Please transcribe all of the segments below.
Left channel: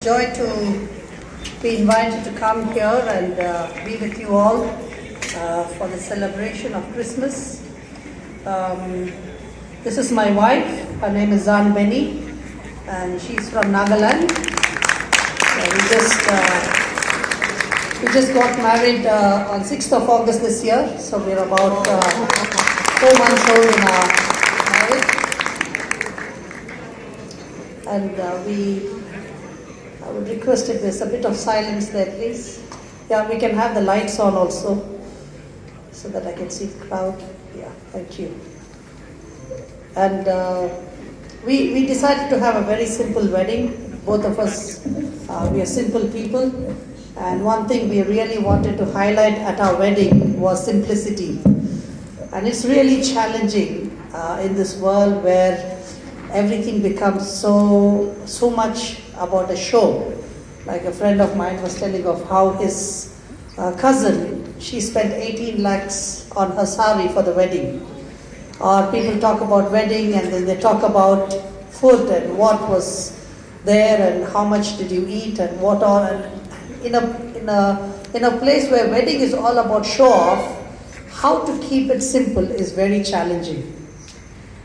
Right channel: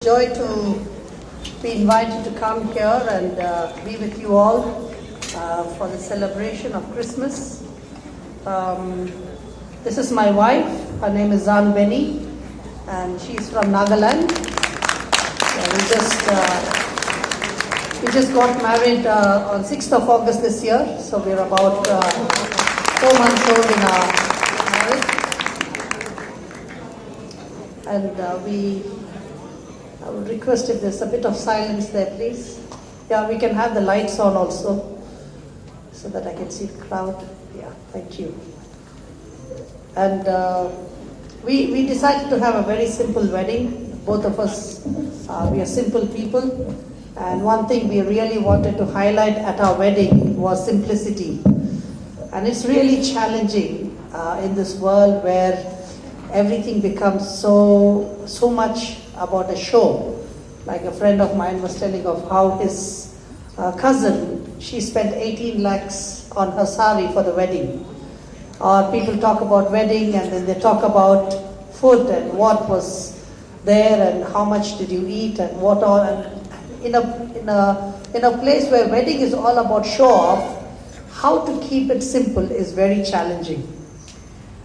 Joy to be invited to come here and be with you all for the celebration of Christmas. This is my wife. Her name is Benny, and she's from Nagaland. We just got married on 6th of August this year, so we're about 4 months old in our marriage, and I would request if there's a bit of silence there, please. Yeah, we can have the lights on also, so that I can see the crowd. Yeah, thank you. And we decided to have a very simple wedding. Both of us, we are simple people. And one thing we really wanted to highlight at our wedding was simplicity. And it's really challenging in this world where everything becomes so much about a show. Like a friend of mine was telling of how his cousin, she spent 18 lakhs on her sari for the wedding. Or people talk about wedding and then they talk about food and what was there and how much did you eat and what all. And in a place where wedding is all about show off, how to keep it simple is very challenging.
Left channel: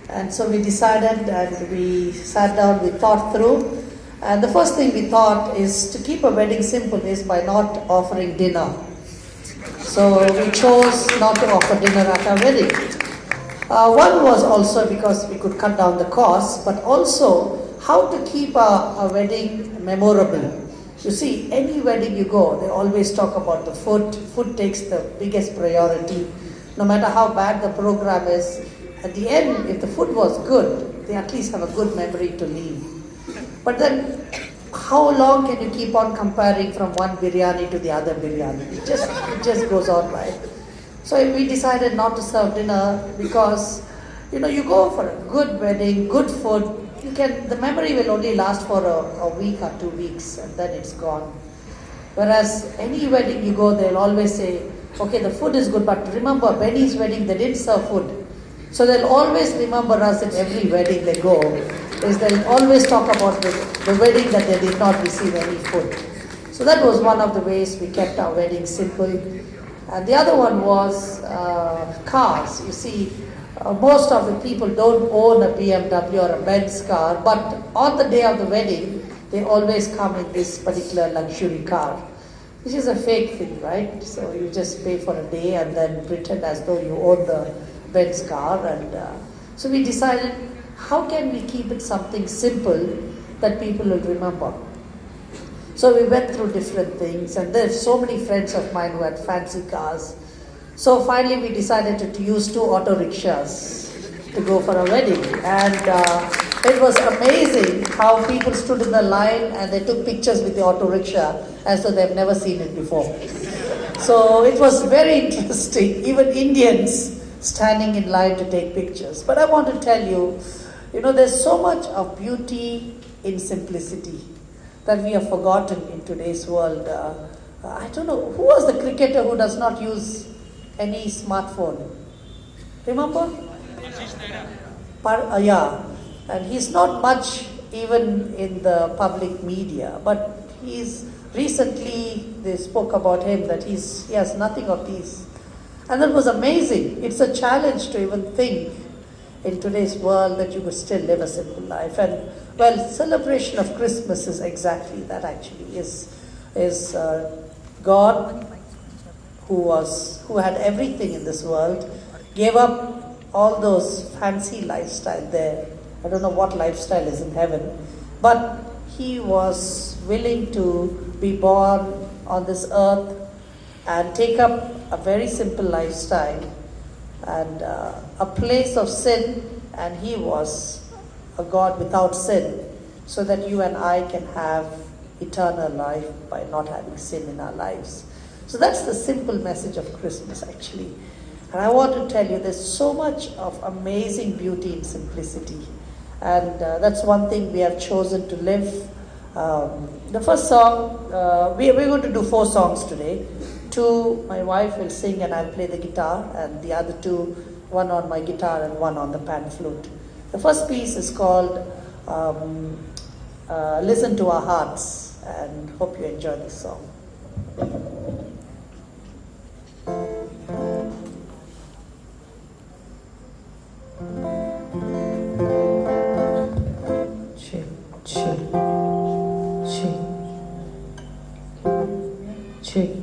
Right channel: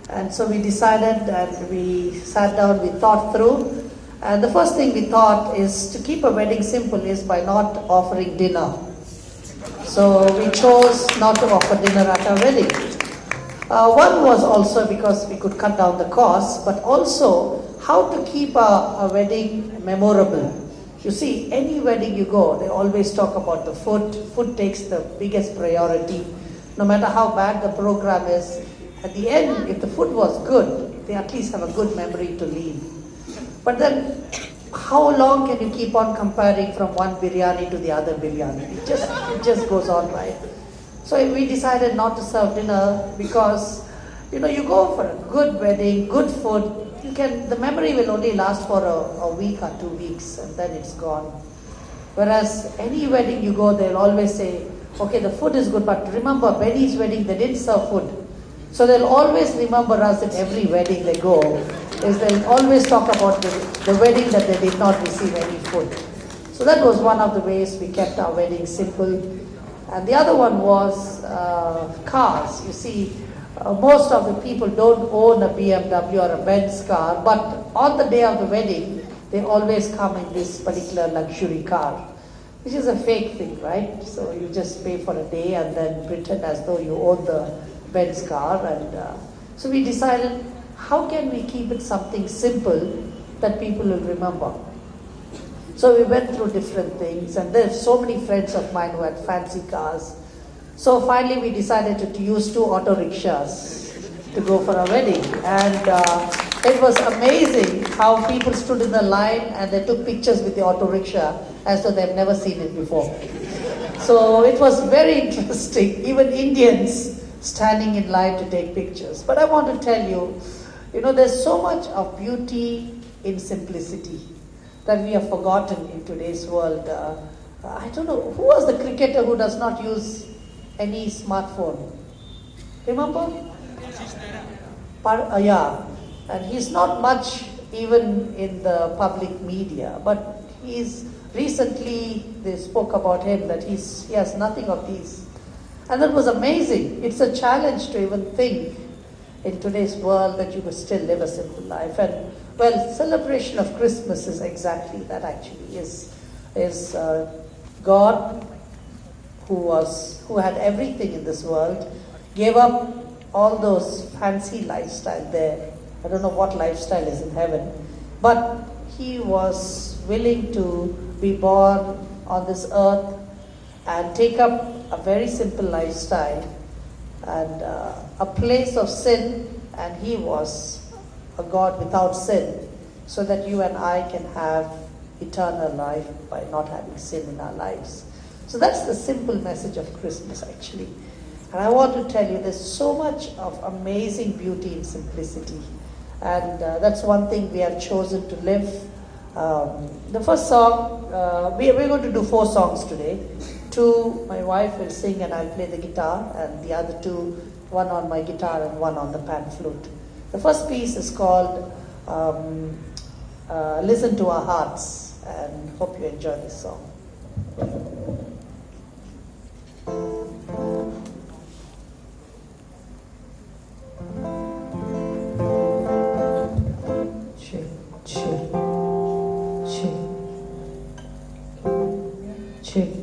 And so we decided and we sat down, we thought through. And the first thing we thought is to keep a wedding simple is by not offering dinner. So we chose not to offer dinner at our wedding. One was also because we could cut down the cost, but also how to keep a wedding memorable. You see, any wedding you go, they always talk about the food. Food takes the biggest priority. No matter how bad the program is, at the end, if the food was good, they at least have a good memory to leave. But then, how long can you keep on comparing from one biryani to the other biryani? It just goes on, right? So we decided not to serve dinner because, you go for a good wedding, good food, the memory will only last for a week or 2 weeks and then it's gone. Whereas any wedding you go, they'll always say, okay, the food is good, but remember, Benny's wedding, they didn't serve food. So they'll always remember us at every wedding they go, is they'll always talk about the wedding that they did not receive any food. So that was one of the ways we kept our wedding simple. And the other one was cars. You see, most of the people don't own a BMW or a Benz car, but on the day of the wedding, they always come in this particular luxury car, which is a fake thing, right? So you just pay for a day and then pretend as though you own the Benz car. And so we decided, how can we keep it something simple that people will remember? So we went through different things, and there's so many friends of mine who had fancy cars. So finally we decided to use 2 auto rickshaws to go for a wedding. And it was amazing how people stood in the line and they took pictures with the auto rickshaw as though they've never seen it before. So it was very interesting, even Indians standing in line to take pictures. But I want to tell you, there's so much of beauty in simplicity that we have forgotten in today's world. I don't know, who was the cricketer who does not use any smartphone? Remember? Yeah, and he's not much even in the public media, but recently they spoke about him that he has nothing of these. And that was amazing. It's a challenge to even think in today's world that you could still live a simple life. And celebration of Christmas is exactly that. Actually, is God, who had everything in this world, gave up all those fancy lifestyle there. I don't know what lifestyle is in heaven, but he was willing to be born on this earth and take up a very simple lifestyle and a place of sin, and he was a God without sin, so that you and I can have eternal life by not having sin in our lives. So that's the simple message of Christmas, actually. And I want to tell you, there's so much of amazing beauty in simplicity, and that's one thing we have chosen to live. The first song, we're going to do 4 songs today. 2, my wife will sing and I'll play the guitar, and the other 2, one on my guitar and one on the pan flute. The first piece is called Listen to Our Hearts. and hope you enjoy this song. Chill, chill, chill, chill.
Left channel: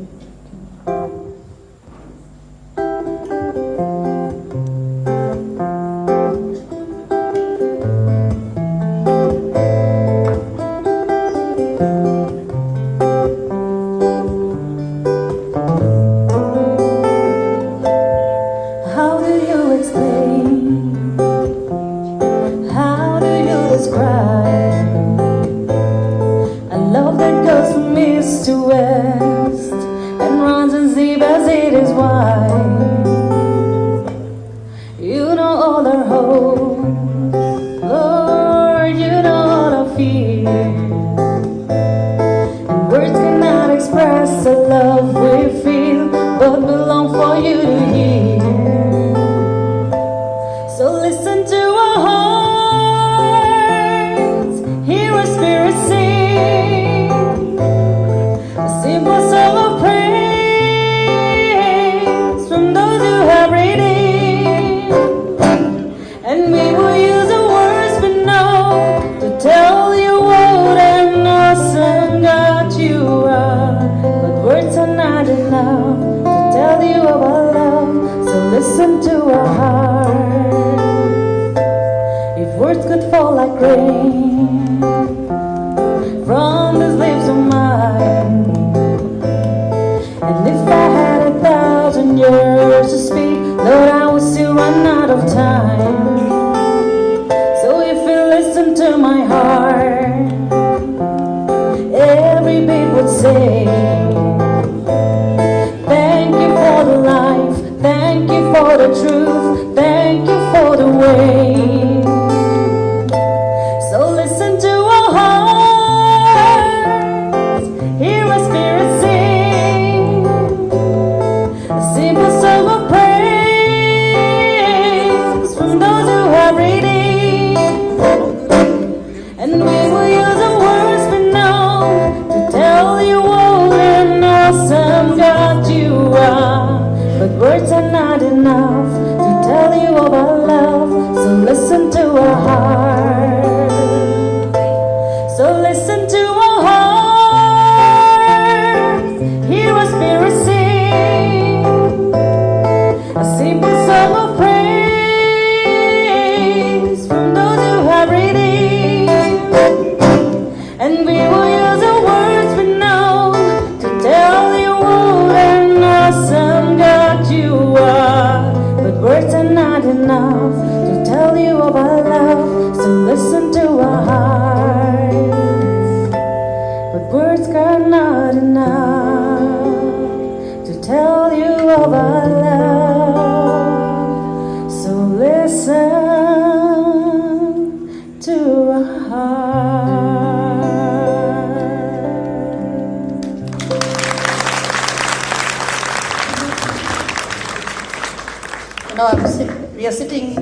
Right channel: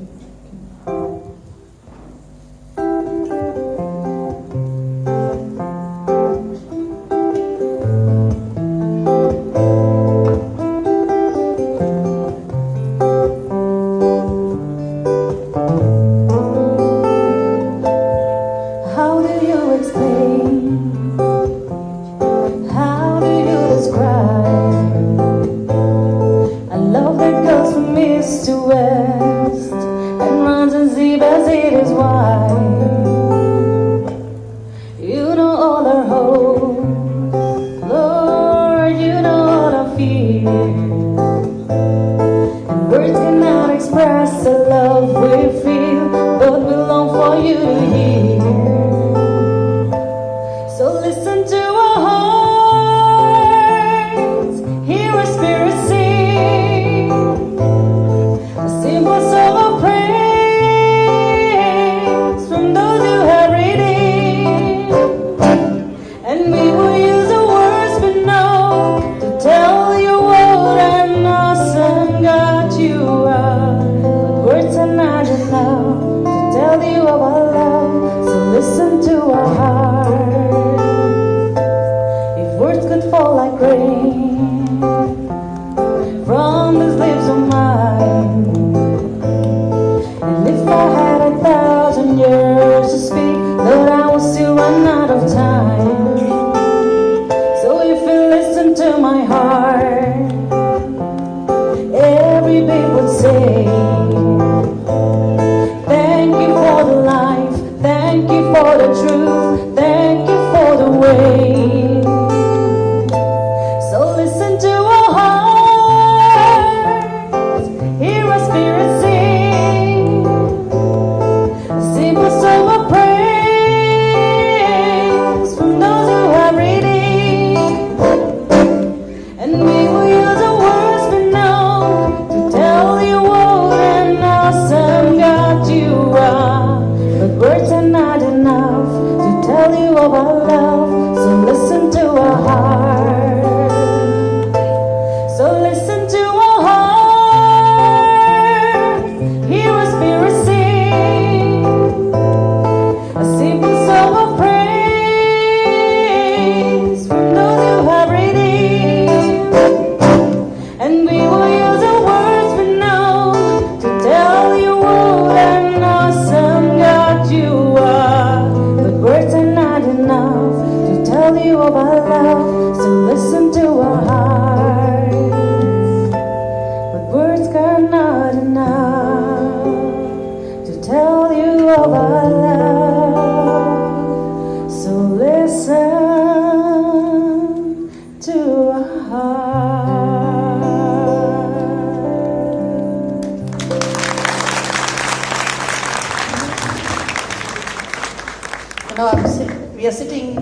We are sitting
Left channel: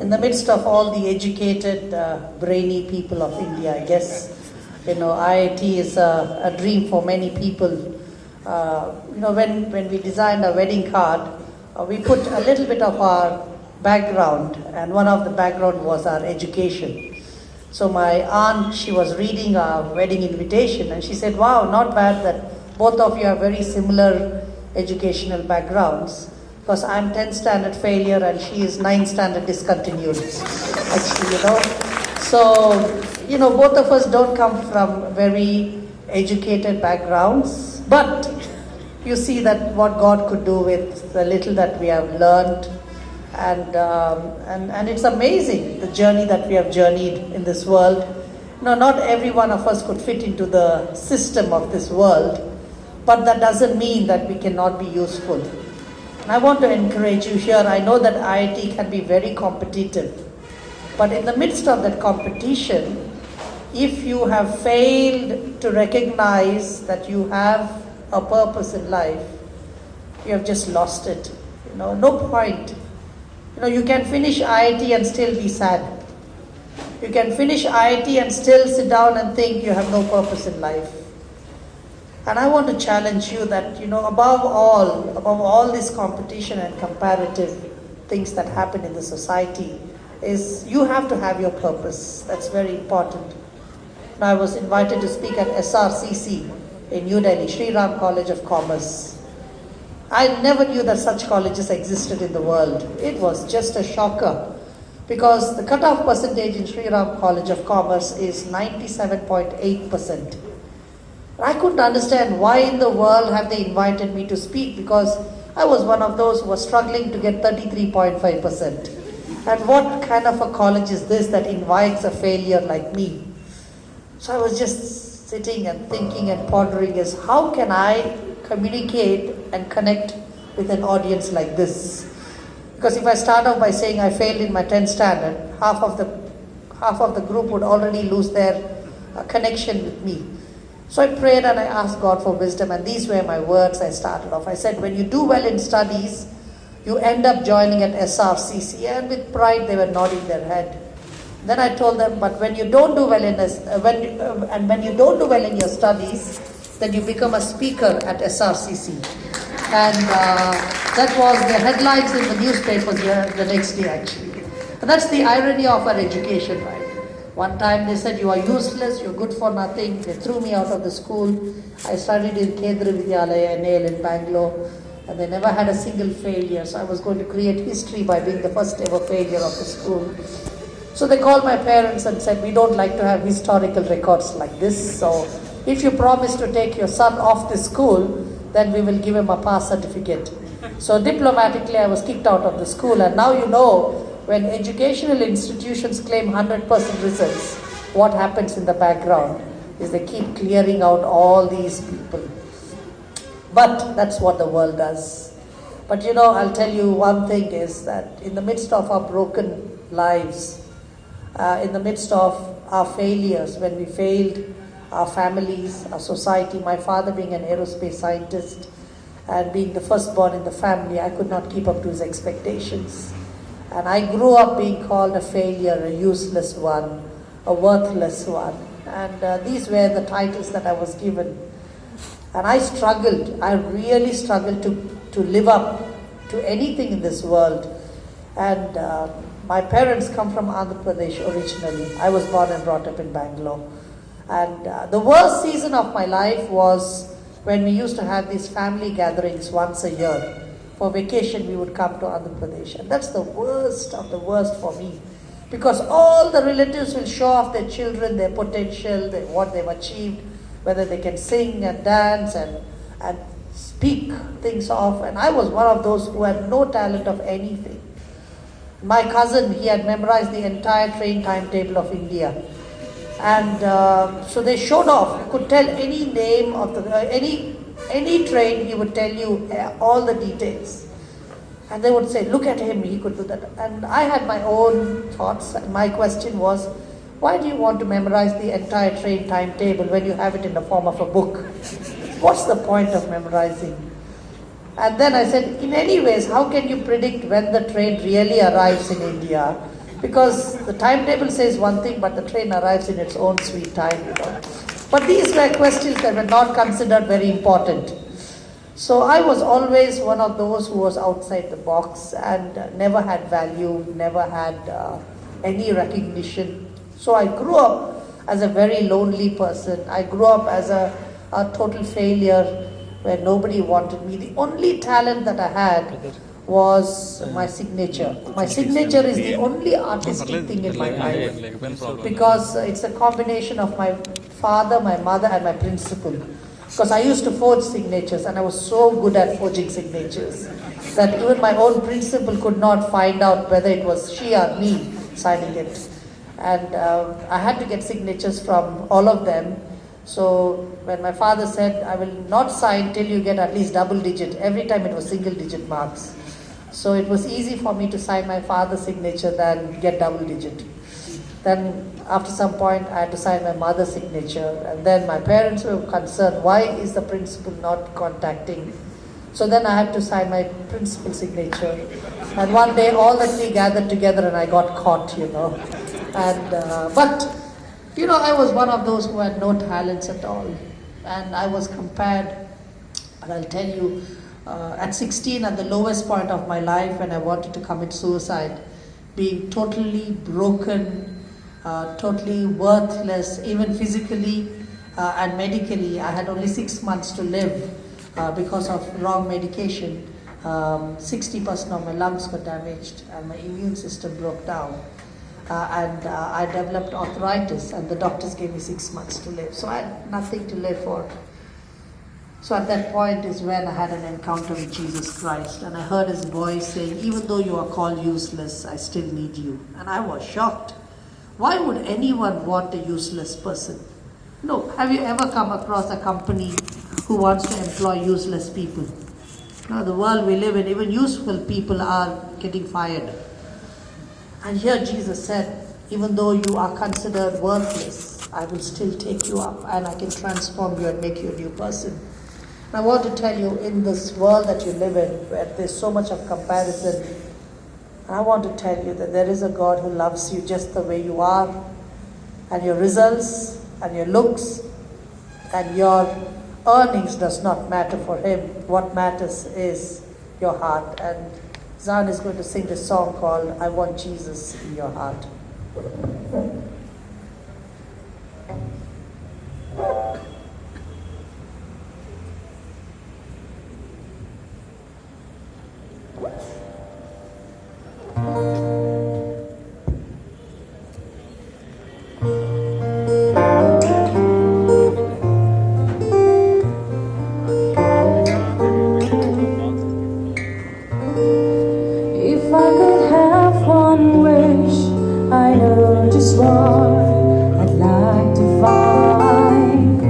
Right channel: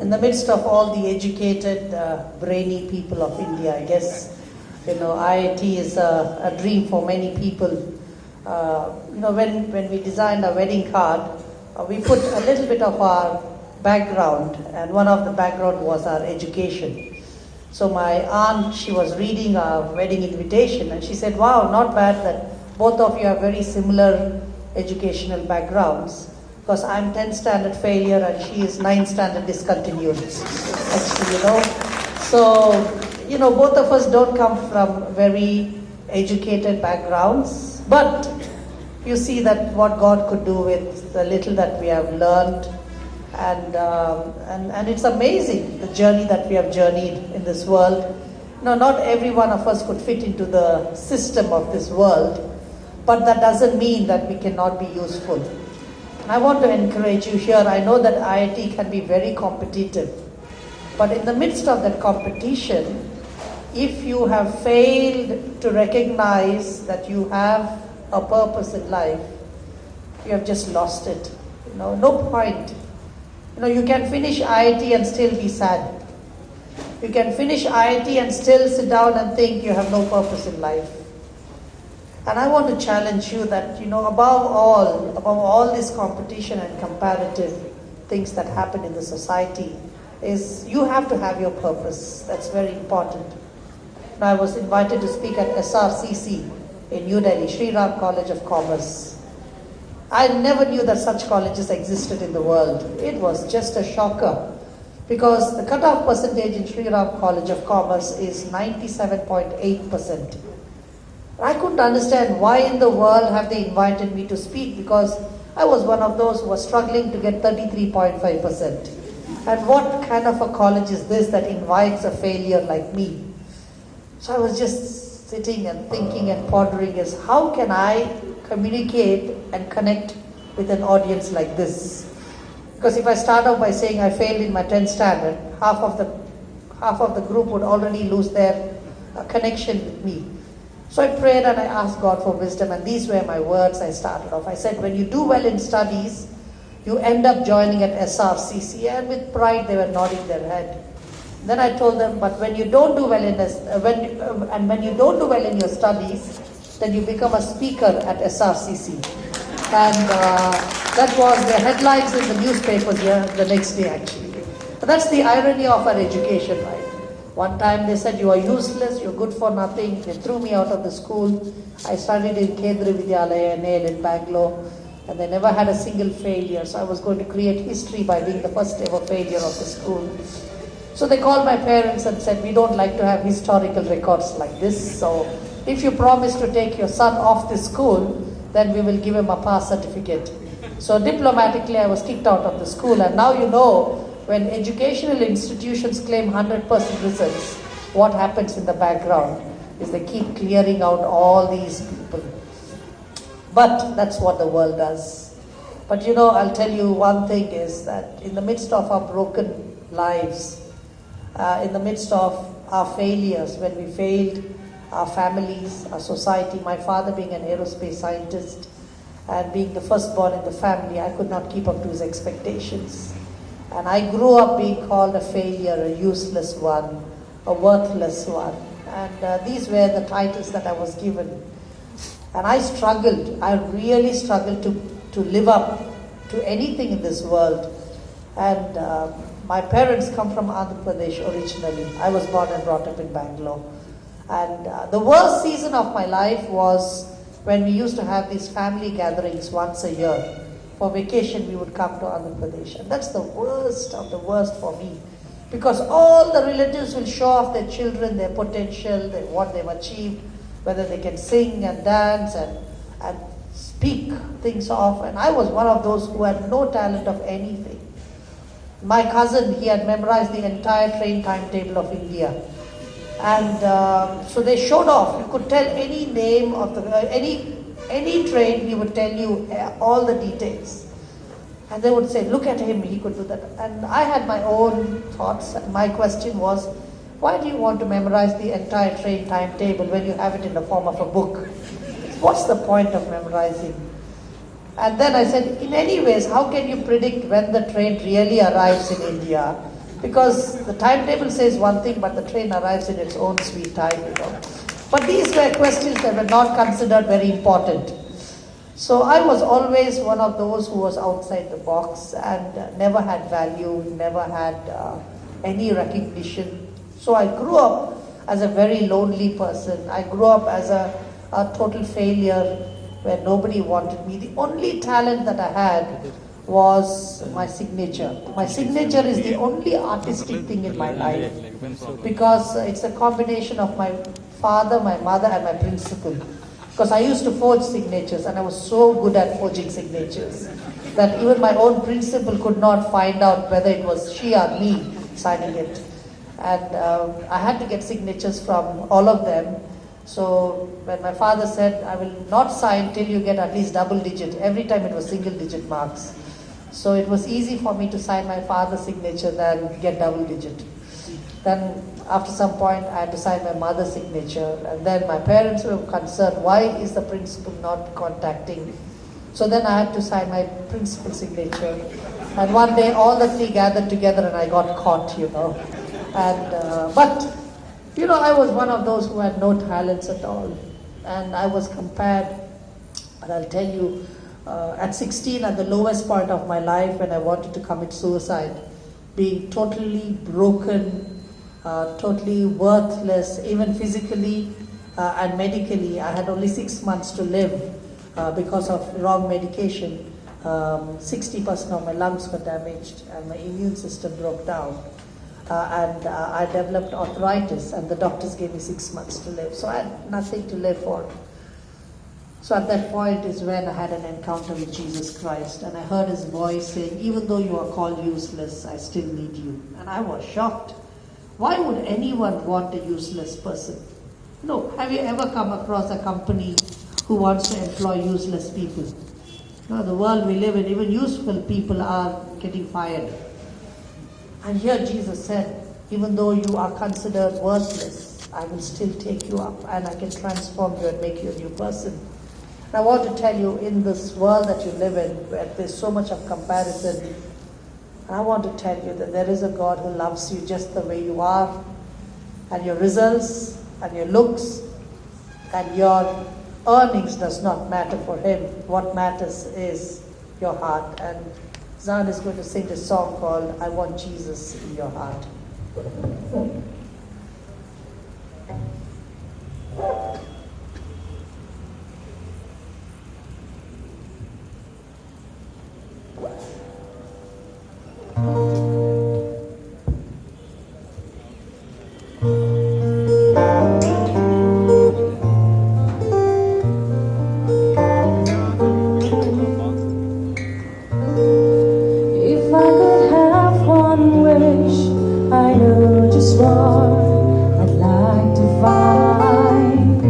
in the midst of all the educated, brainy people of India. I guess, IIT is a dream for many people. When we designed our wedding card, we put a little bit of our background, and one of the background was our education. So my aunt, she was reading our wedding invitation, and she said, "Wow, not bad that both of you have very similar educational backgrounds. Because I'm 10th standard failure and she is 9th standard discontinued." Actually, So, both of us don't come from very educated backgrounds, but you see that what God could do with the little that we have learned, and it's amazing the journey that we have journeyed in this world. Not every one of us could fit into the system of this world, but that doesn't mean that we cannot be useful. And I want to encourage you here. I know that IIT can be very competitive, but in the midst of that competition, if you have failed to recognize that you have a purpose in life, you have just lost it. No point. You can finish IIT and still be sad. You can finish IIT and still sit down and think you have no purpose in life. And I want to challenge you that, above all this competition and comparative things that happen in the society, is you have to have your purpose. That's very important. Now, I was invited to speak at SRCC in New Delhi, Sri Ram College of Commerce. I never knew that such colleges existed in the world. It was just a shocker, because the cutoff percentage in Sri Ram College of Commerce is 97.8%. I couldn't understand why in the world have they invited me to speak, because I was one of those who was struggling to get 33.5%. And what kind of a college is this that invites a failure like me? So I was just sitting and thinking and pondering as how can I communicate and connect with an audience like this? Because if I start off by saying I failed in my 10th standard, half of the group would already lose their connection with me. So I prayed and I asked God for wisdom, and these were my words I started off. I said, when you do well in studies, you end up joining at SRCC, and with pride they were nodding their head. Then I told them, but when you don't do well in when you don't do well in your studies, then you become a speaker at SRCC. And that was the headlines in the newspapers the next day, actually. But that's the irony of our education, right? One time they said, you are useless, you're good for nothing. They threw me out of the school. I studied in Kendra Vidyalaya, NAL in Bangalore, and they never had a single failure. So I was going to create history by being the first ever failure of the school. So they called my parents and said, we don't like to have historical records like this. So if you promise to take your son off the school, then we will give him a pass certificate. So diplomatically, I was kicked out of the school. And now you know, when educational institutions claim 100% results, what happens in the background is they keep clearing out all these people. But that's what the world does. But I'll tell you one thing is that in the midst of our broken lives, in the midst of our failures, when we failed our families, our society, my father being an aerospace scientist and being the firstborn in the family, I could not keep up to his expectations. And I grew up being called a failure, a useless one, a worthless one. And these were the titles that I was given. And I really struggled to live up to anything in this world. And my parents come from Andhra Pradesh originally. I was born and brought up in Bangalore. And the worst season of my life was when we used to have these family gatherings once a year. For vacation, we would come to Andhra Pradesh. And that's the worst of the worst for me. Because all the relatives will show off their children, their potential, what they've achieved, whether they can sing and dance and speak things off. And I was one of those who had no talent of anything. My cousin, he had memorized the entire train timetable of India. And so they showed off. You could tell any name of any train, he would tell you all the details. And they would say, look at him, he could do that. And I had my own thoughts. And my question was, why do you want to memorize the entire train timetable when you have it in the form of a book? What's the point of memorizing? And then I said, in any ways, how can you predict when the train really arrives in India? Because the timetable says one thing, but the train arrives in its own sweet time. But these were questions that were not considered very important. So I was always one of those who was outside the box and never had value, never had any recognition. So I grew up as a very lonely person. I grew up as a total failure where nobody wanted me. The only talent that I had was my signature. My signature is the only artistic thing in my life because it's a combination of my father, my mother and my principal. Because I used to forge signatures and I was so good at forging signatures that even my own principal could not find out whether it was she or me signing it. And I had to get signatures from all of them. So when my father said, I will not sign till you get at least double digit, every time it was single digit marks. So it was easy for me to sign my father's signature than get double digit. Then after some point I had to sign my mother's signature, and then my parents were concerned, why is the principal not contacting me? So then I had to sign my principal's signature. And one day all the three gathered together and I got caught, And but I was one of those who had no talents at all. And I was compared, and I'll tell you, at 16, at the lowest point of my life, when I wanted to commit suicide, being totally broken, totally worthless, even physically and medically. I had only 6 months to live because of wrong medication. 60% of my lungs were damaged, and my immune system broke down. And I developed arthritis, and the doctors gave me 6 months to live. So I had nothing to live for. So at that point is when I had an encounter with Jesus Christ, and I heard his voice saying, even though you are called useless, I still need you. And I was shocked. Why would anyone want a useless person? No. Have you ever come across a company who wants to employ useless people? No, the world we live in, even useful people are getting fired. And here Jesus said, even though you are considered worthless, I will still take you up, and I can transform you and make you a new person. And I want to tell you, in this world that you live in, where there's so much of comparison, I want to tell you that there is a God who loves you just the way you are, and your results and your looks and your earnings does not matter for him. What matters is your heart. And Zan is going to sing a song called I Want Jesus in Your Heart. I'd like to find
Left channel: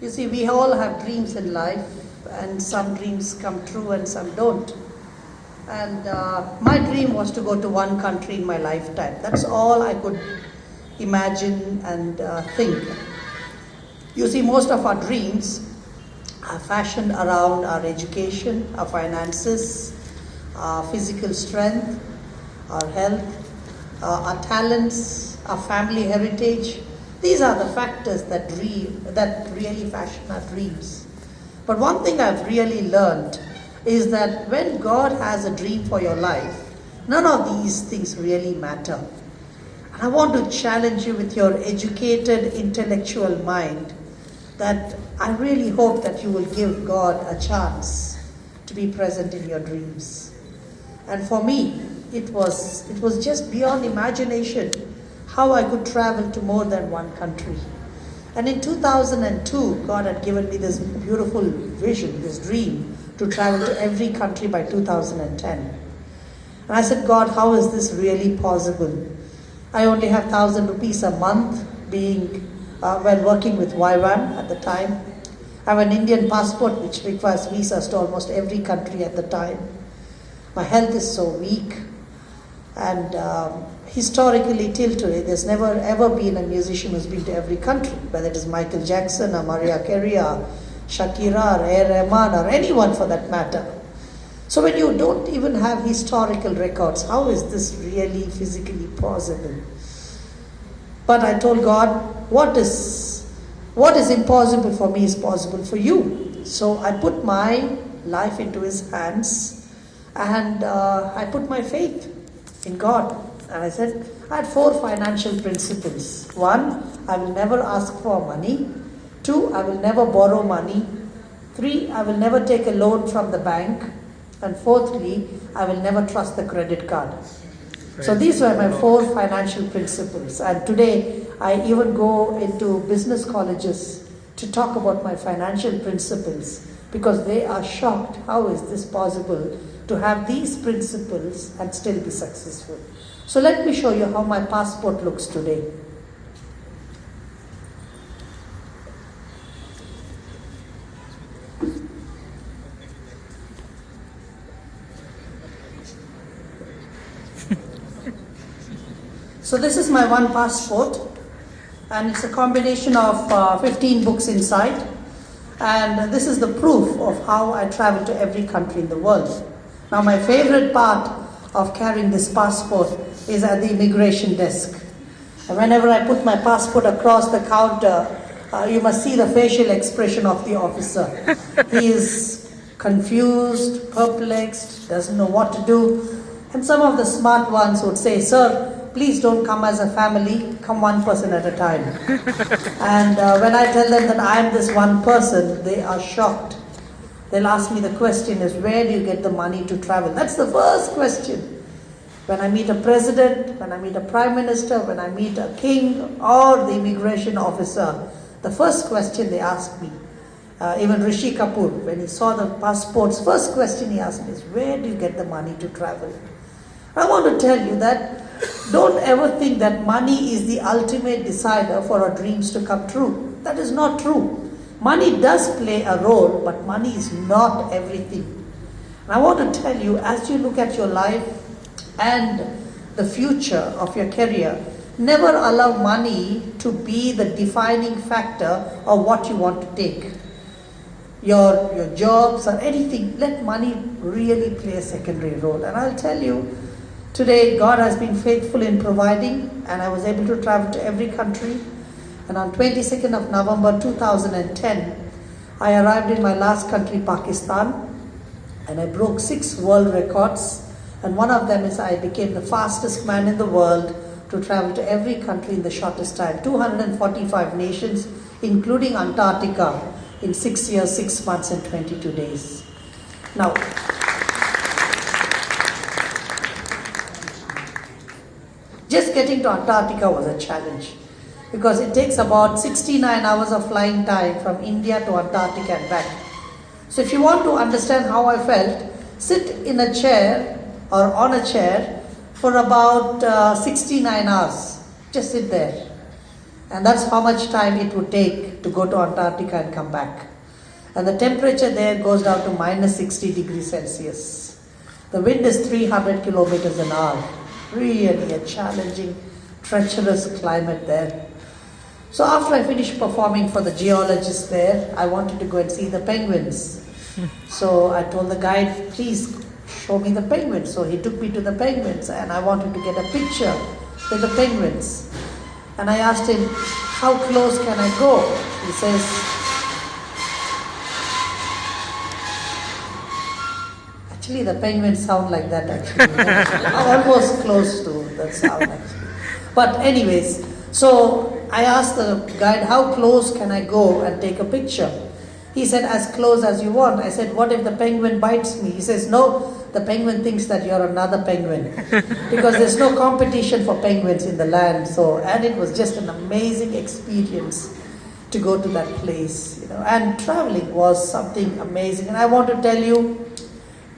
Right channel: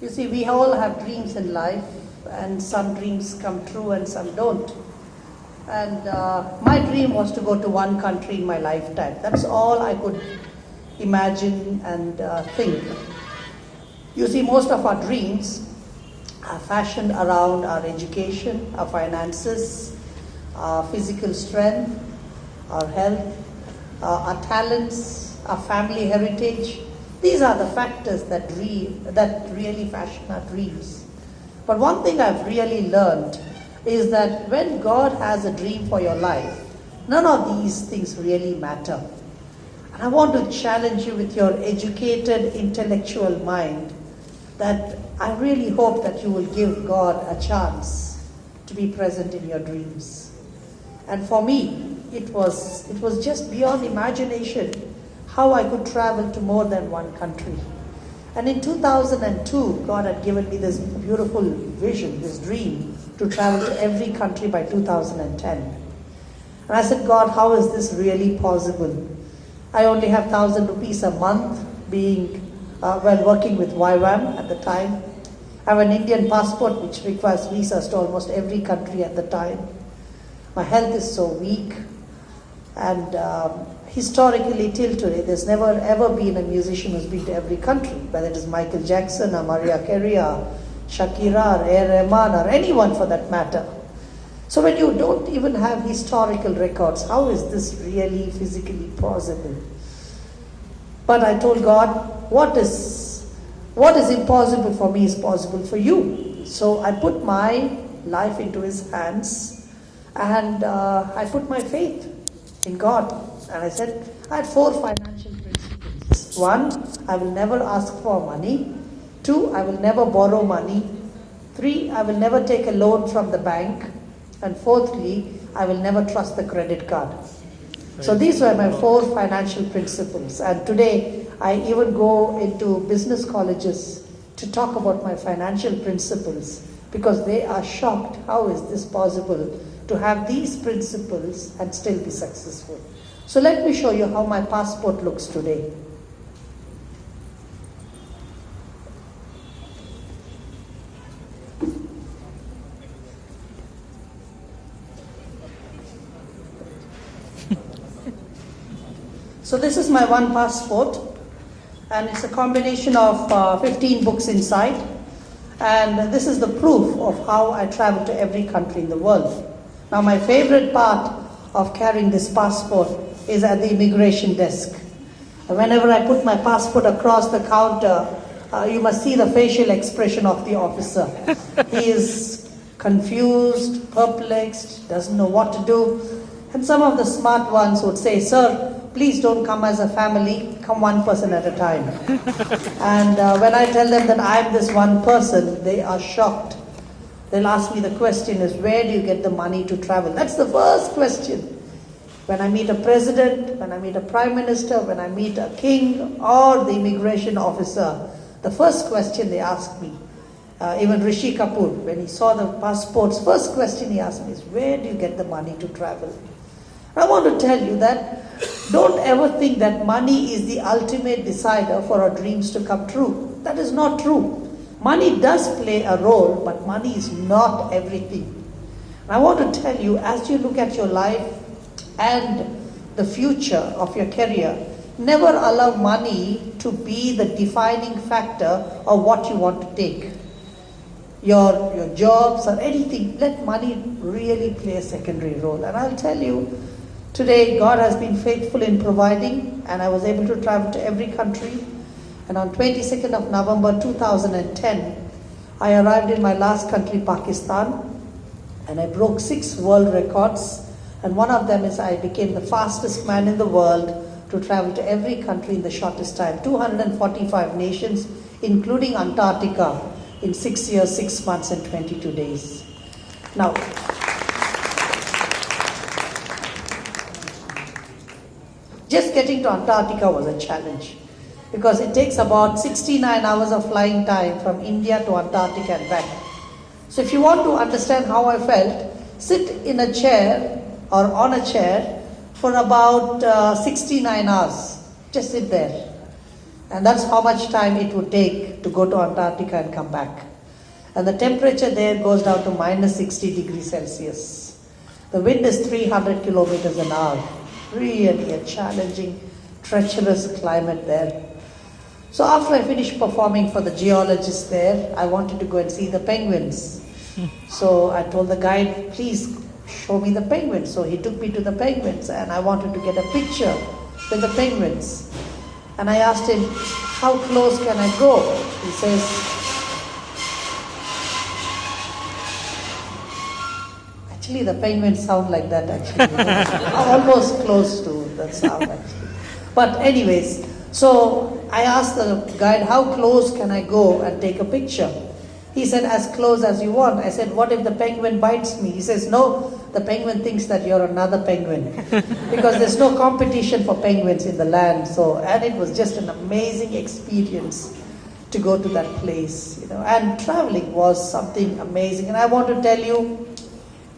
You see, we all have dreams in life, and some dreams come true and some don't. And my dream was to go to one country in my lifetime. That's all I could imagine and think. You see, most of our dreams are fashioned around our education, our finances, our physical strength, our health, our talents, our family heritage. These are the factors that really fashion our dreams. But one thing I've really learned is that when God has a dream for your life, none of these things really matter. I want to challenge you with your educated, intellectual mind that I really hope that you will give God a chance to be present in your dreams. And for me, it was just beyond imagination how I could travel to more than one country. And in 2002, God had given me this beautiful vision, this dream, to travel to every country by 2010. And I said, God, how is this really possible? I only have 1,000 rupees a month while working with YWAM at the time. I have an Indian passport which requires visas to almost every country at the time. My health is so weak, and historically till today, there's never ever been a musician who's been to every country, whether it is Michael Jackson or Mariah Carey or Shakira or A. Rahman or anyone for that matter. So when you don't even have historical records, how is this really physically possible? But I told God, what is impossible for me is possible for you. So I put my life into His hands, and I put my faith in God. And I said, I had 4 financial principles. 1, I will never ask for money. 2, I will never borrow money. 3, I will never take a loan from the bank. And 4thly, I will never trust the credit card. So these were my 4 financial principles. And today, I even go into business colleges to talk about my financial principles, because they are shocked. How is this possible to have these principles and still be successful? So let me show you how my passport looks today. So this is my one passport, and it's a combination of 15 books inside, and this is the proof of how I travel to every country in the world. Now my favorite part of carrying this passport is at the immigration desk. And whenever I put my passport across the counter, you must see the facial expression of the officer. He is confused, perplexed, doesn't know what to do. And some of the smart ones would say, sir, please don't come as a family, come one person at a time. And when I tell them that I am this one person, they are shocked. They'll ask me, the question is, where do you get the money to travel? That's the first question. When I meet a president, when I meet a prime minister, when I meet a king or the immigration officer, the first question they ask me, even Rishi Kapoor, when he saw the passports, first question he asked me is, where do you get the money to travel? I want to tell you that don't ever think that money is the ultimate decider for our dreams to come true. That is not true. Money does play a role, but money is not everything. And I want to tell you, as you look at your life and the future of your career, never allow money to be the defining factor of what you want to take. Your jobs or anything, let money really play a secondary role. And I'll tell you, today God has been faithful in providing, and I was able to travel to every country. And on 22nd of November 2010, I arrived in my last country, Pakistan, and I broke 6 world records. And one of them is I became the fastest man in the world to travel to every country in the shortest time, 245 nations, including Antarctica, in 6 years, 6 months and 22 days. Now, just getting to Antarctica was a challenge, because it takes about 69 hours of flying time from India to Antarctica and back. So if you want to understand how I felt, sit in a chair or on a chair for about 69 hours. Just sit there. And that's how much time it would take to go to Antarctica and come back. And the temperature there goes down to minus 60 degrees Celsius. The wind is 300 kilometers an hour. Really a challenging, treacherous climate there. So after I finished performing for the geologists there, I wanted to go and see the penguins. So I told the guide, please show me the penguins. So he took me to the penguins and I wanted to get a picture with the penguins. And I asked him, how close can I go? He says, actually the penguins sound like that actually. Almost close to that sound actually. But anyways, so I asked the guide, how close can I go and take a picture? He said, as close as you want. I said, what if the penguin bites me? He says, no, the penguin thinks that you're another penguin. Because there's no competition for penguins in the land. So, and it was just an amazing experience to go to that place, you know. And traveling was something amazing. And I want to tell you,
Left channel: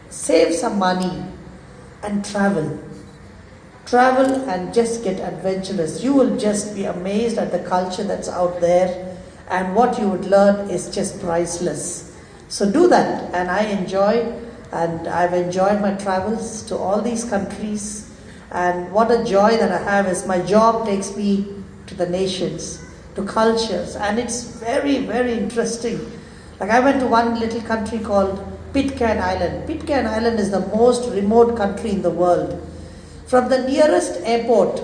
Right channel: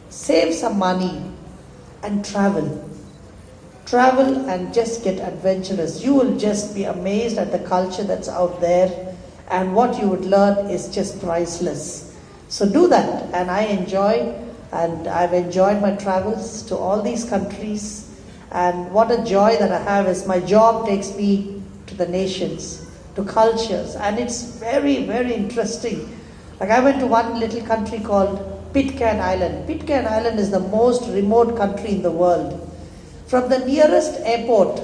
save some money and travel. Travel and just get adventurous. You will just be amazed at the culture that's out there, and what you would learn is just priceless. So do that, and I've enjoyed my travels to all these countries, and what a joy that I have is my job takes me to the nations, to cultures, and it's very, very interesting. Like I went to one little country called Pitcairn Island. Pitcairn Island is the most remote country in the world. From the nearest airport,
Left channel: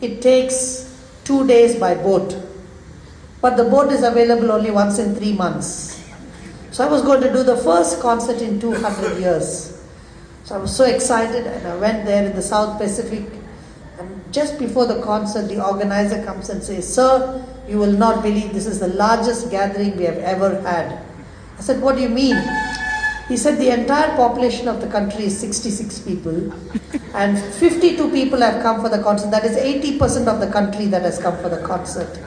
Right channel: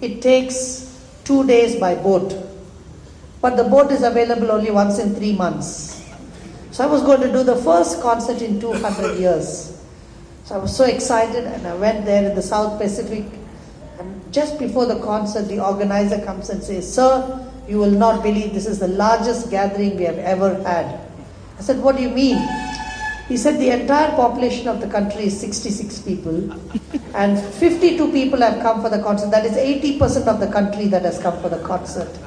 it takes 2 days by boat. But the boat is available only once in 3 months. So I was going to do the first concert in 200 years. So I was so excited and I went there in the South Pacific. And just before the concert, the organizer comes and says, sir, you will not believe this is the largest gathering we have ever had. I said, what do you mean? He said the entire population of the country is 66 people and 52 people have come for the concert. That is 80% of the country that has come for the concert.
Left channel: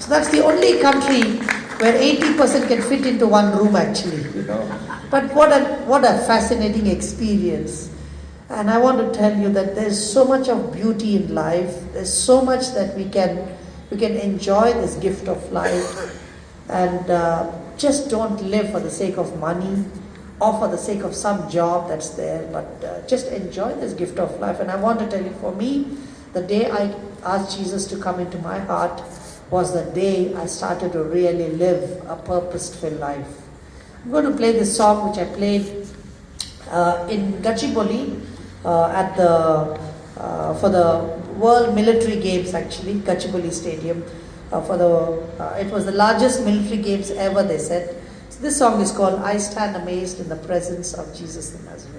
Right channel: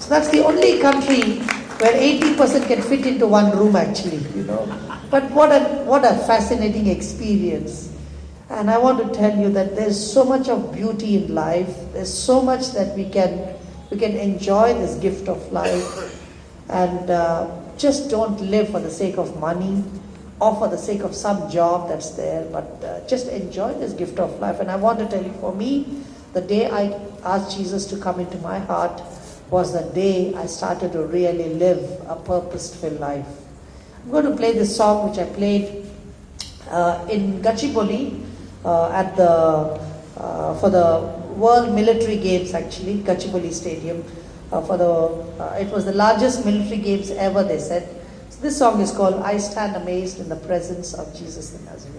So that's the only country where 80% can fit into one room actually, you know. But what a fascinating experience. And I want to tell you that there's so much of beauty in life. There's so much that we can enjoy this gift of life. And just don't live for the sake of money or for the sake of some job that's there, but just enjoy this gift of life. And I want to tell you, for me, the day I asked Jesus to come into my heart was the day I started to really live a purpose-filled life. I'm going to play this song which I played in Gachibowli for the World Military Games actually, Gachibowli Stadium. It was the largest military games ever, they said. So this song is called I Stand Amazed in the Presence of Jesus the Nazarene.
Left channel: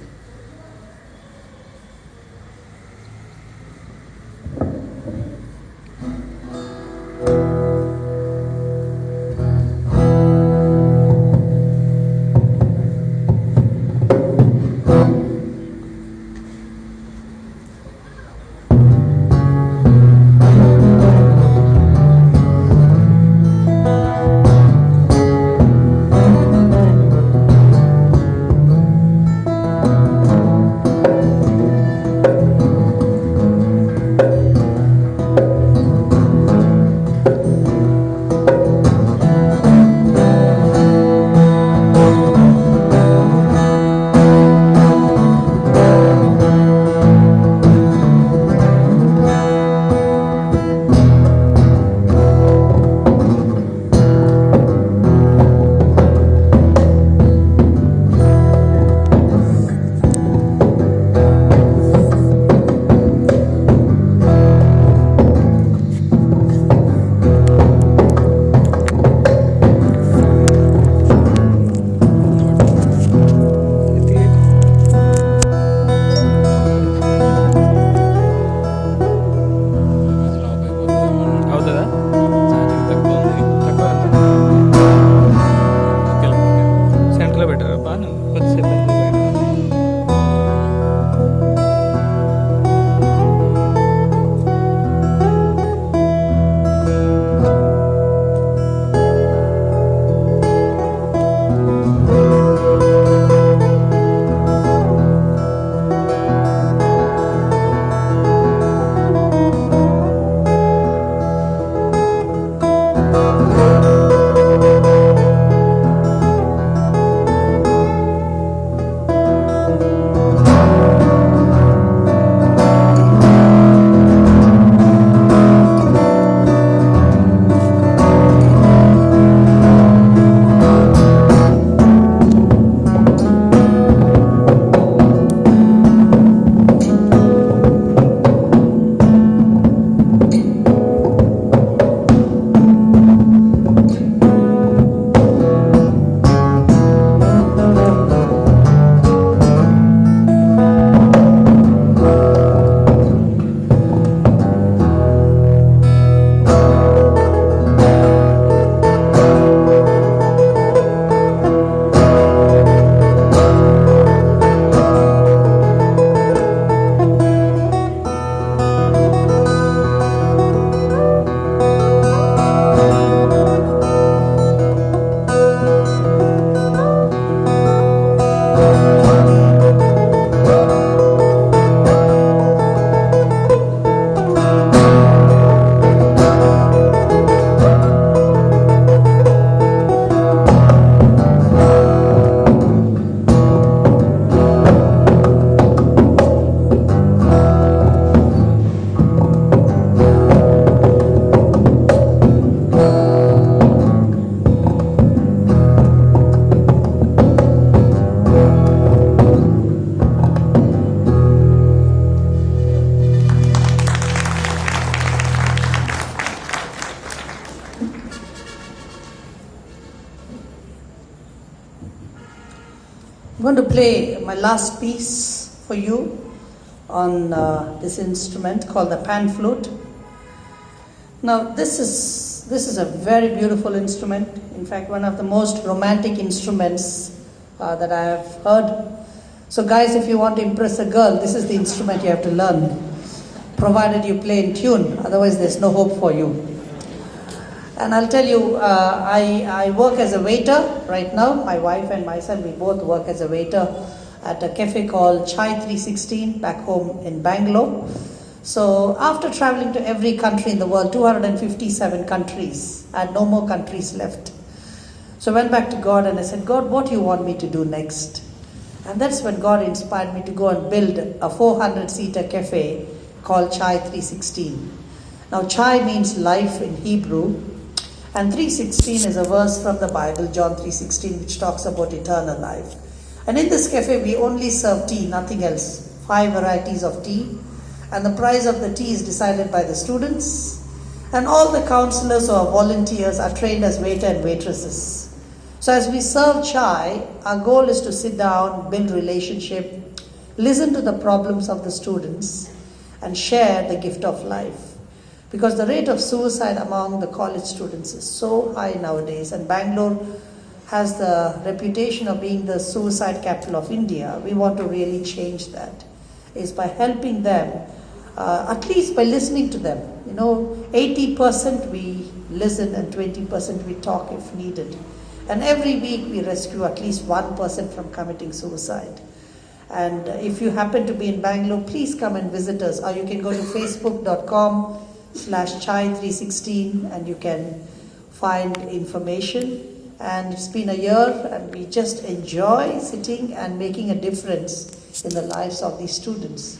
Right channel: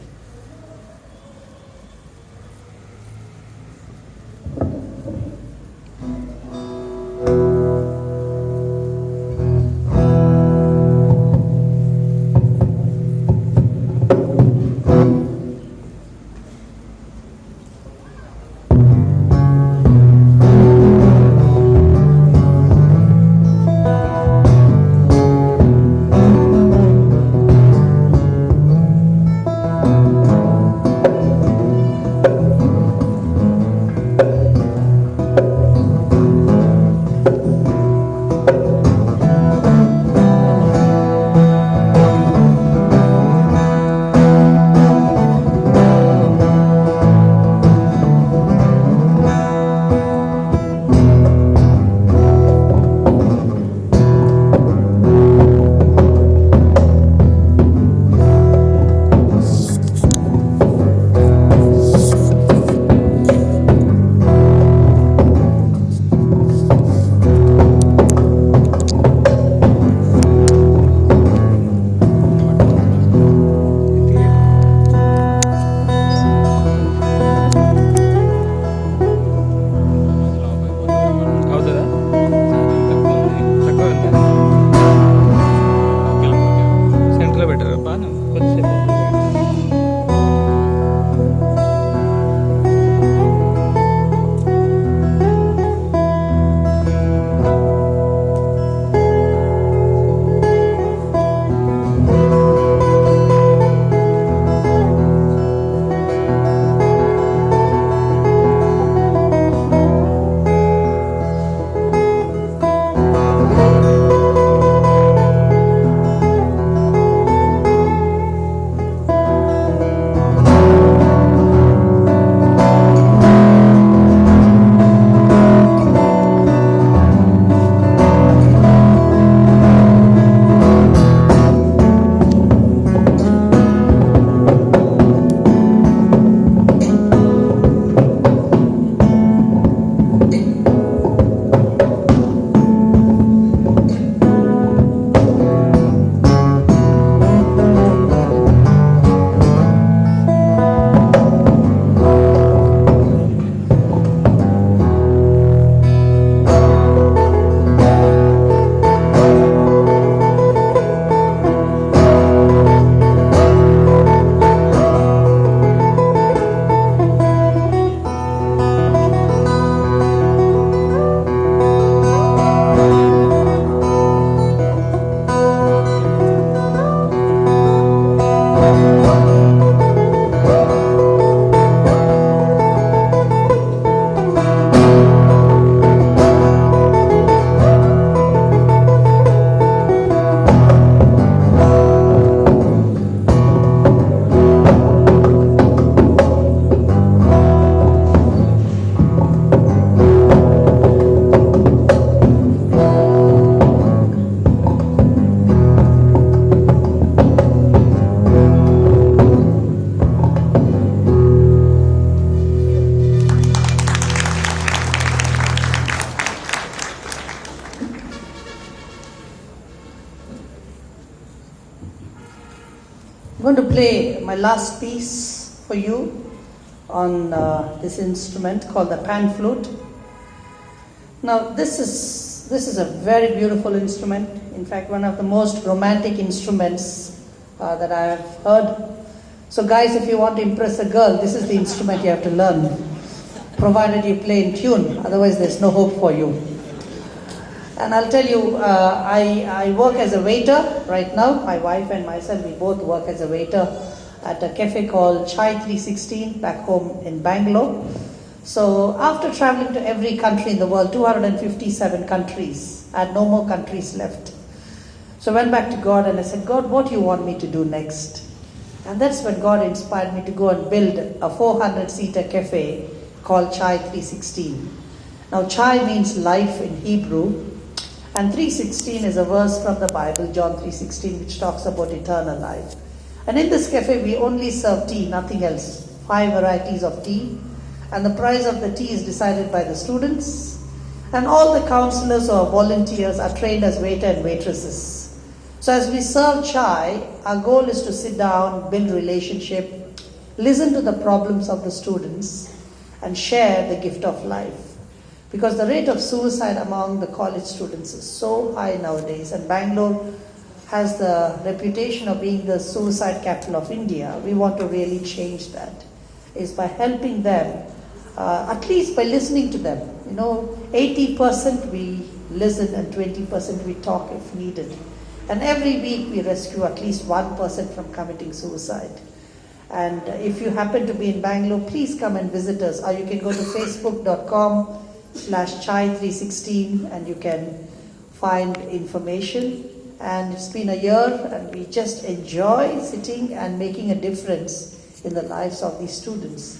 I'm going to play my last piece for you on this instrument called the pan flute. Now this is a very beautiful instrument. In fact, one of the most romantic instruments that I have heard. So guys, if you want to impress a girl, this is the instrument you have to learn, provided you play in tune, otherwise there's no hope for you. And I'll tell you, I work as a waiter right now. My wife and myself, we both work as a waiter at a cafe called Chai 316 back home in Bangalore. So after traveling to every country in the world, 257 countries, I had no more countries left. So I went back to God and I said, God, what do you want me to do next? And that's when God inspired me to go and build a 400-seater cafe called Chai 316. Now Chai means life in Hebrew, and 316 is a verse from the Bible, John 3:16, which talks about eternal life. And in this cafe, we only serve tea, nothing else. 5 varieties of tea. And the price of the tea is decided by the students. And all the counselors or volunteers are trained as waiter and waitresses. So as we serve chai, our goal is to sit down, build relationship, listen to the problems of the students, and share the gift of life. Because the rate of suicide among the college students is so high nowadays, and Bangalore has the reputation of being the suicide capital of India. We want to really change that, is by helping them, at least by listening to them. 80% we listen and 20% we talk if needed. And every week we rescue at least one person from committing suicide. And if you happen to be in Bangalore, please come and visit us. Or you can go to facebook.com/chai316 and you can find information. And it's been a year and we just enjoy sitting and making a difference in the lives of these students.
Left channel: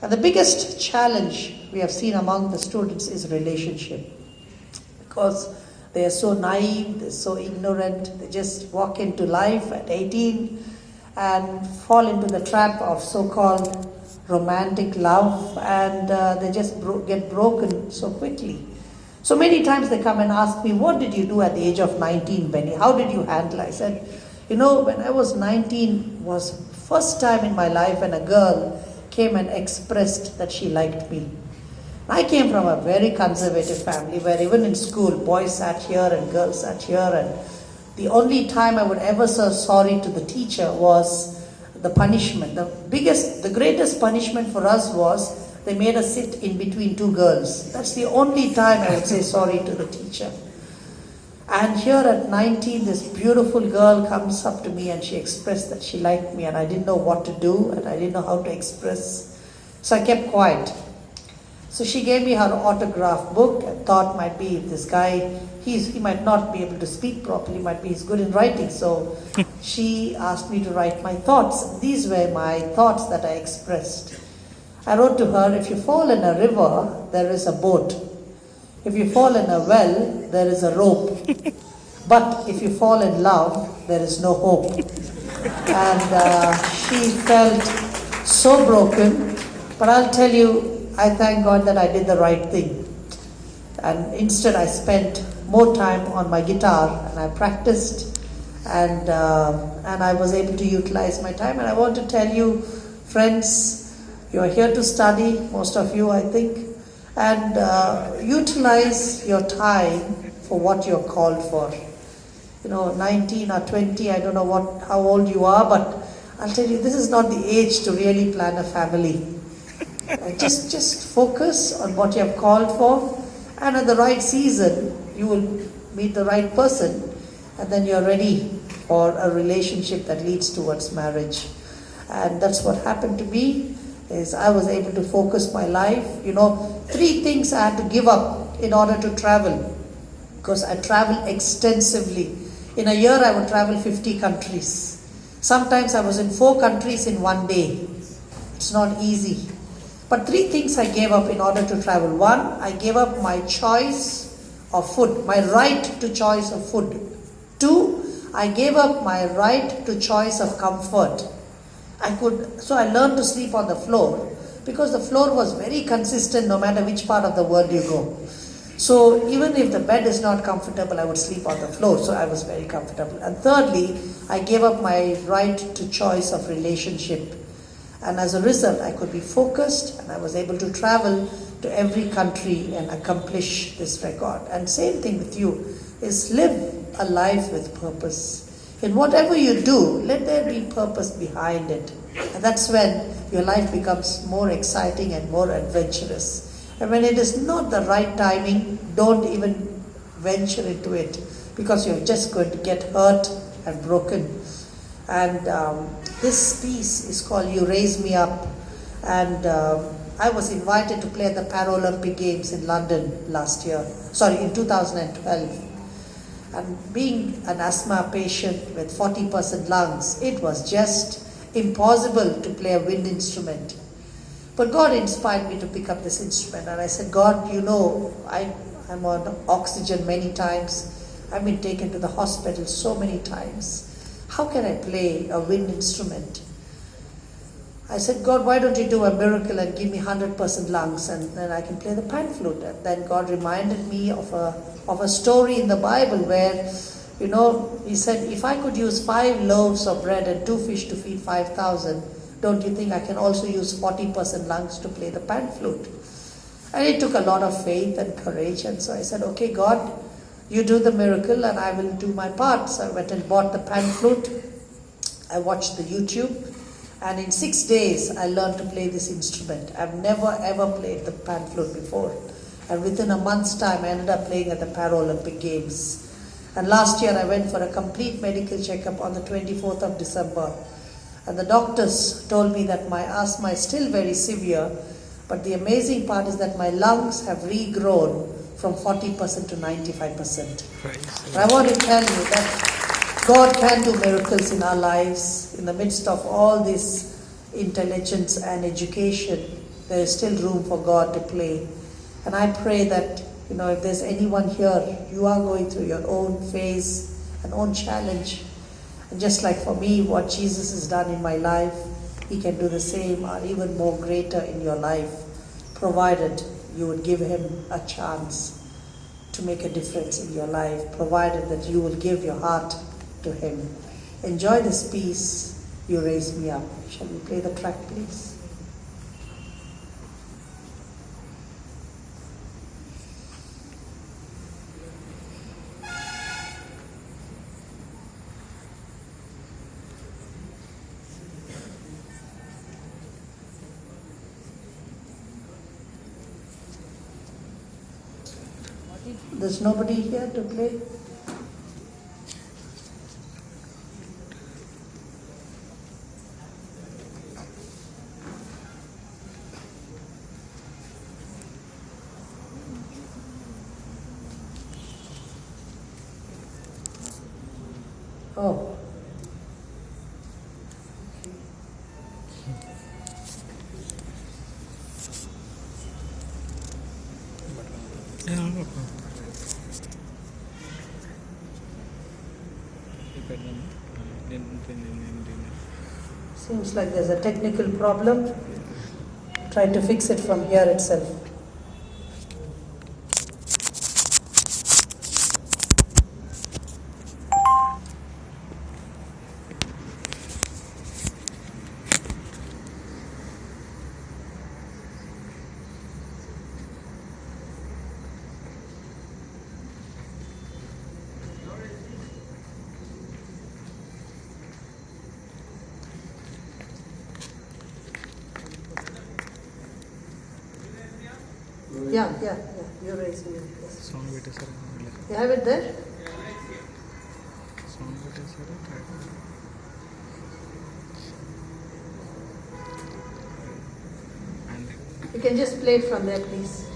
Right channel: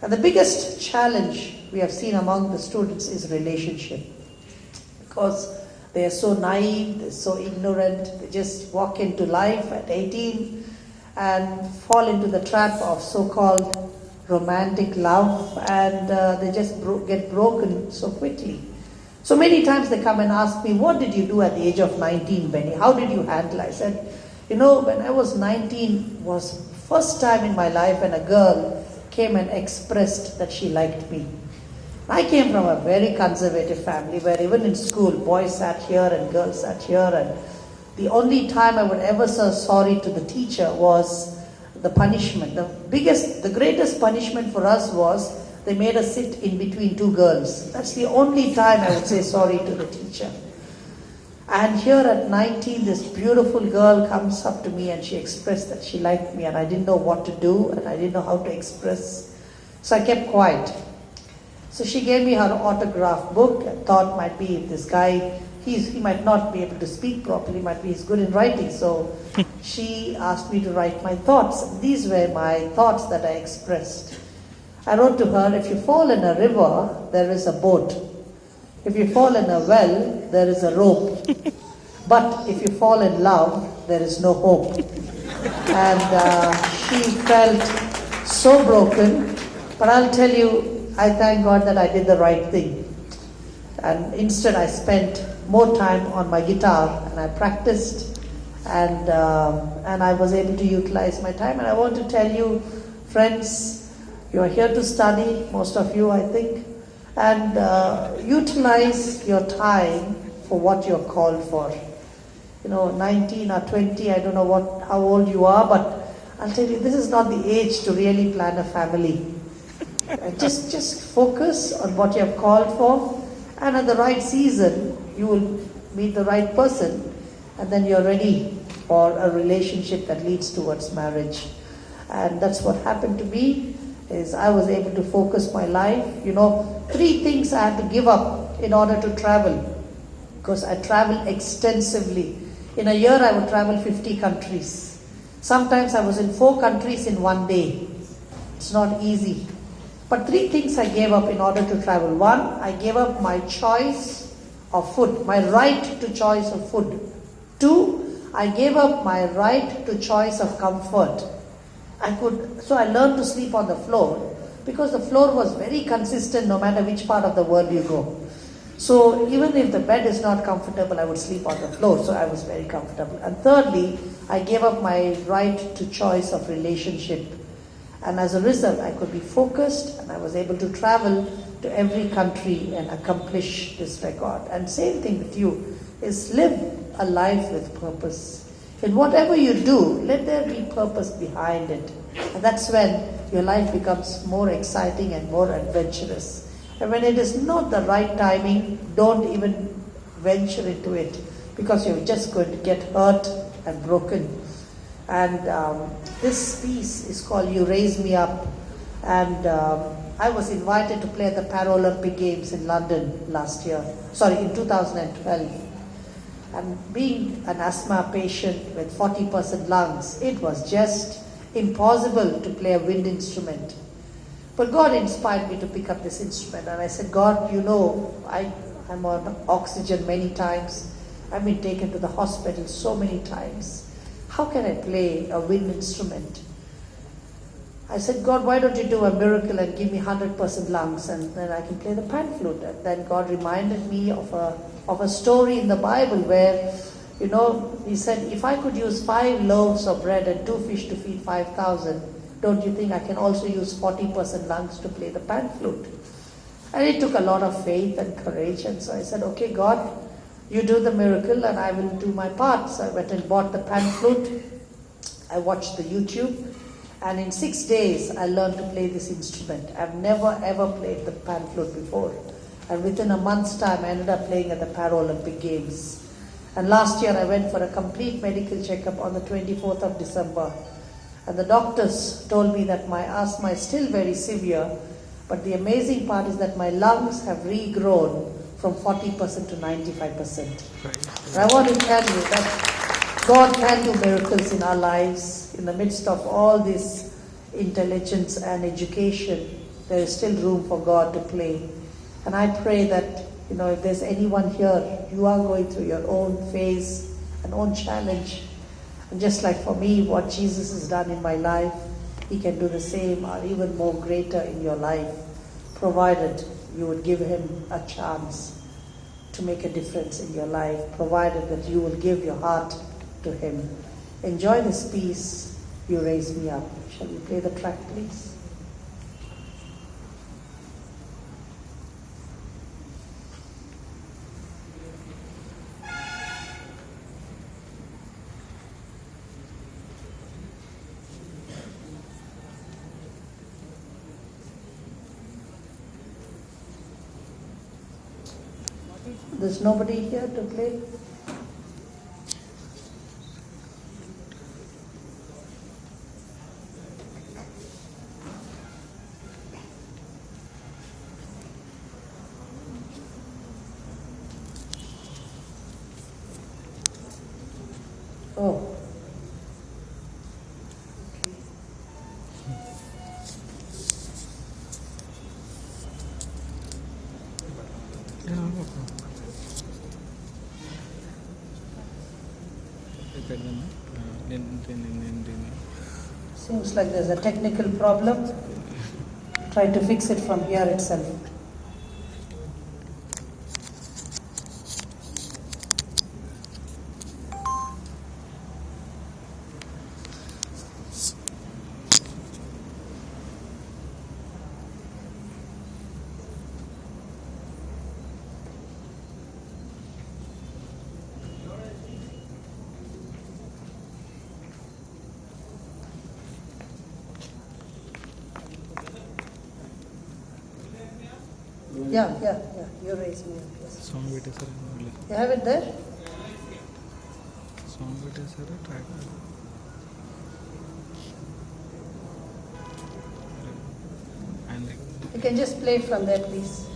And the biggest challenge we have seen among the students is relationship. Because they are so naive, they're so ignorant, they just walk into life at 18 and fall into the trap of so-called romantic love, and they just get broken so quickly. So many times they come and ask me, what did you do at the age of 19, Benny? How did you handle it? I said, when I was 19 was first time in my life when a girl came and expressed that she liked me. I came from a very conservative family where even in school, boys sat here and girls sat here, and the only time I would ever say sorry to the teacher was the punishment. The greatest punishment for us was they made us sit in between two girls. That's the only time I would say sorry to the teacher. And here at 19, this beautiful girl comes up to me and she expressed that she liked me, and I didn't know what to do and I didn't know how to express. So I kept quiet. So she gave me her autograph book and thought might be this guy, he might not be able to speak properly, might be he's good in writing. So she asked me to write my thoughts. These were my thoughts that I expressed. I wrote to her, if you fall in a river, there is a boat. If you fall in a well, there is a rope. But if you fall in love, there is no hope. And she felt so broken. But I'll tell you, I thank God that I did the right thing. And instead I spent more time on my guitar and I practiced, and I was able to utilize my time. And I want to tell you, friends, you're here to study, most of you I think, and utilize your time for what you're called for. 19 or 20, I don't know how old you are, but I'll tell you, this is not the age to really plan a family. Just focus on what you have called for, and at the right season, you will meet the right person, and then you're ready for a relationship that leads towards marriage. And that's what happened to me, is I was able to focus my life. 3 things I had to give up in order to travel, because I travel extensively. In a year, I would travel 50 countries. Sometimes I was in 4 countries in one day. It's not easy. But 3 things I gave up in order to travel. 1, I gave up my choice of food, my right to choice of food. 2, I gave up my right to choice of comfort. So I learned to sleep on the floor, because the floor was very consistent no matter which part of the world you go. So even if the bed is not comfortable, I would sleep on the floor. So I was very comfortable. And thirdly, I gave up my right to choice of relationship. And as a result, I could be focused and I was able to travel to every country and accomplish this record. And same thing with you, is live a life with purpose. In whatever you do, let there be purpose behind it. And that's when your life becomes more exciting and more adventurous. And when it is not the right timing, don't even venture into it, because you're just going to get hurt and broken. And this piece is called You Raise Me Up. And I was invited to play at the Paralympic Games in London in 2012. And being an asthma patient with 40% lungs, it was just impossible to play a wind instrument. But God inspired me to pick up this instrument, and I said, God, you know, I'm on oxygen many times. I've been taken to the hospital so many times. How can I play a wind instrument? I said, God, why don't you do a miracle and give me 100% lungs, and then I can play the pan flute? And then God reminded me of a story in the Bible where, you know, he said, if I could use 5 loaves of bread and 2 fish to feed 5,000, don't you think I can also use 40% lungs to play the pan flute? And it took a lot of faith and courage. And so I said, okay, God, you do the miracle and I will do my part. So I went and bought the pan flute. I watched the YouTube. And in 6 days, I learned to play this instrument. I've never ever played the pan flute before. And within a month's time, I ended up playing at the Paralympic Games. And last year, I went for a complete medical checkup on the 24th of December. And the doctors told me that my asthma is still very severe, but the amazing part is that my lungs have regrown from 40% to 95%. I want to tell you that God can do miracles in our lives. In the midst of all this intelligence and education, there is still room for God to play. And I pray that, you know, if there's anyone here, you are going through your own phase, an own challenge. And just like for me, what Jesus has done in my life, He can do the same or even more greater in your life, provided you would give Him a chance to make a difference in your life, provided that you will give your heart to Him. Enjoy this piece, You Raise Me Up. Shall we play the track, please? There's nobody here to play? Oh. Seems like there's a technical problem. Try to fix it from here itself. Yeah. You raise me. Yes. You have it there? You can just play it from there, please.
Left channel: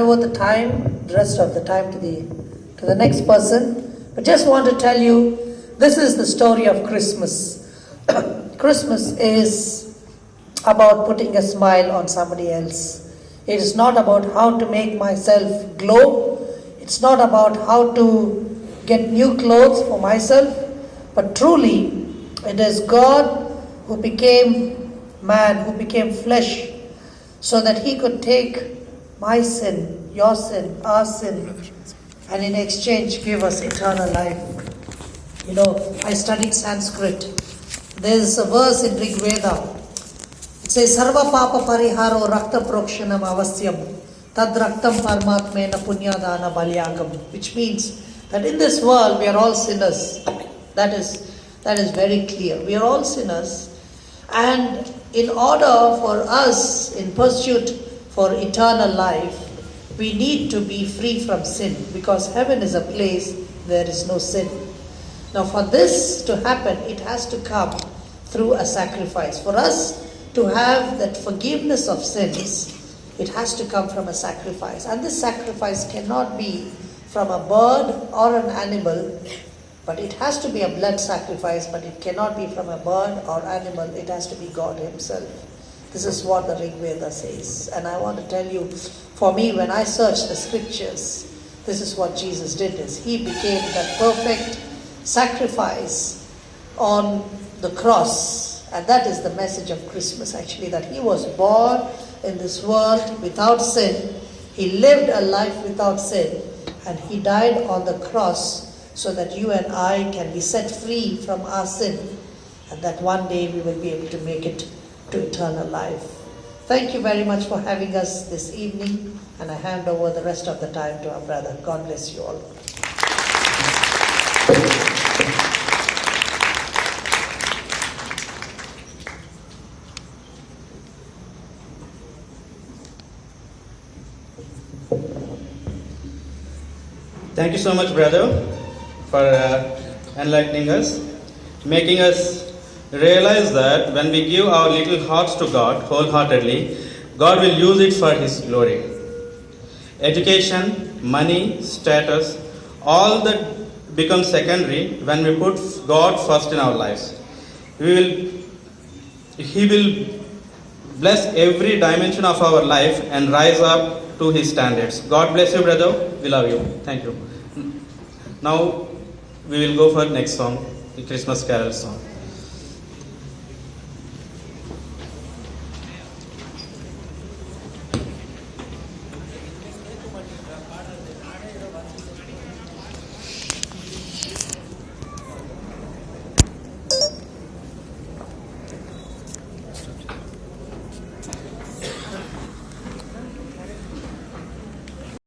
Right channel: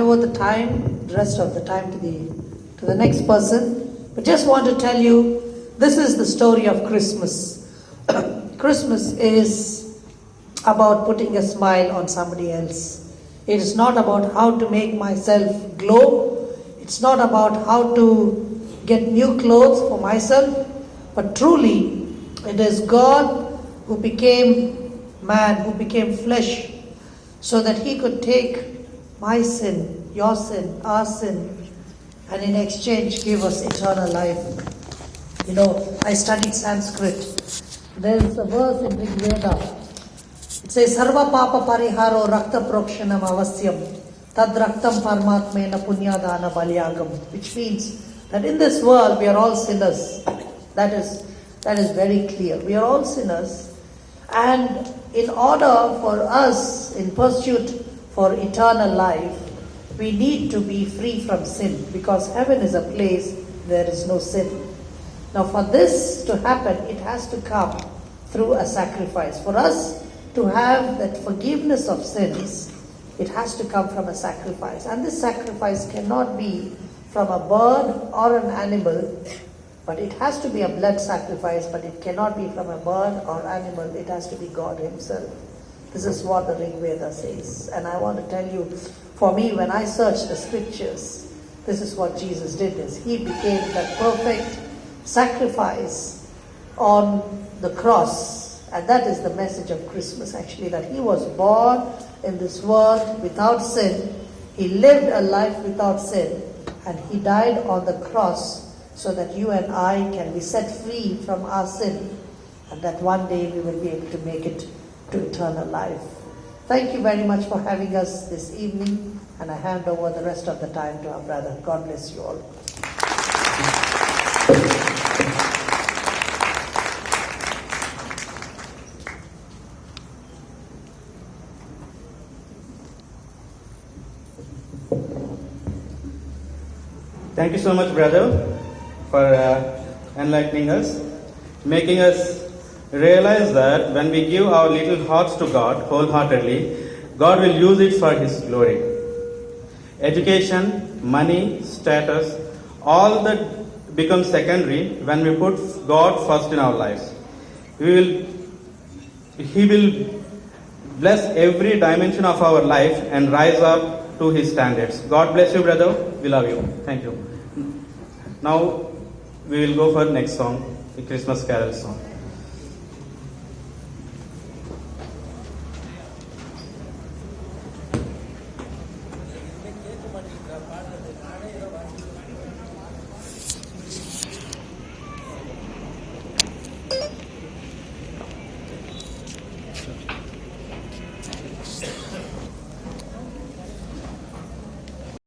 hand over the rest of the time to the next person. But just want to tell you, this is the story of Christmas. Christmas is about putting a smile on somebody else. It is not about how to make myself glow. It's not about how to get new clothes for myself. But truly, it is God who became man, who became flesh, so that he could take my sin, your sin, our sin, and in exchange give us eternal life. You know, I studied Sanskrit. There's a verse in Rig Veda. It says, Sarva Papa Pariharo Rakta Prokshanam Avasyam Tad Raktam Paramatmena Punyadana Balyagam, which means that in this world we are all sinners. That is very clear. We are all sinners, and in order for us, in pursuit for eternal life, we need to be free from sin, because heaven is a place where there is no sin. Now for this to happen, it has to come through a sacrifice. For us to have that forgiveness of sins, it has to come from a sacrifice. And this sacrifice cannot be from a bird or an animal, but it has to be a blood sacrifice, but it cannot be from a bird or animal. It has to be God himself. This is what the Rig Veda says. And I want to tell you, for me, when I search the scriptures, this is what Jesus did. He became that perfect sacrifice on the cross. And that is the message of Christmas, actually, that he was born in this world without sin. He lived a life without sin, and he died on the cross so that you and I can be set free from our sin, and that one day we will be able to make it to eternal life. Thank you very much for having us this evening, and I hand over the rest of the time to our brother. God bless you all. Thank you so much, brother, for enlightening us, making us realize that when we give our little hearts to God wholeheartedly, God will use it for his glory. Education, money, status, all that becomes secondary when we put God first in our lives. He will bless every dimension of our life and rise up to his standards. God bless you, brother. We love you. Thank you. Now we will go for next song, the Christmas Carol song.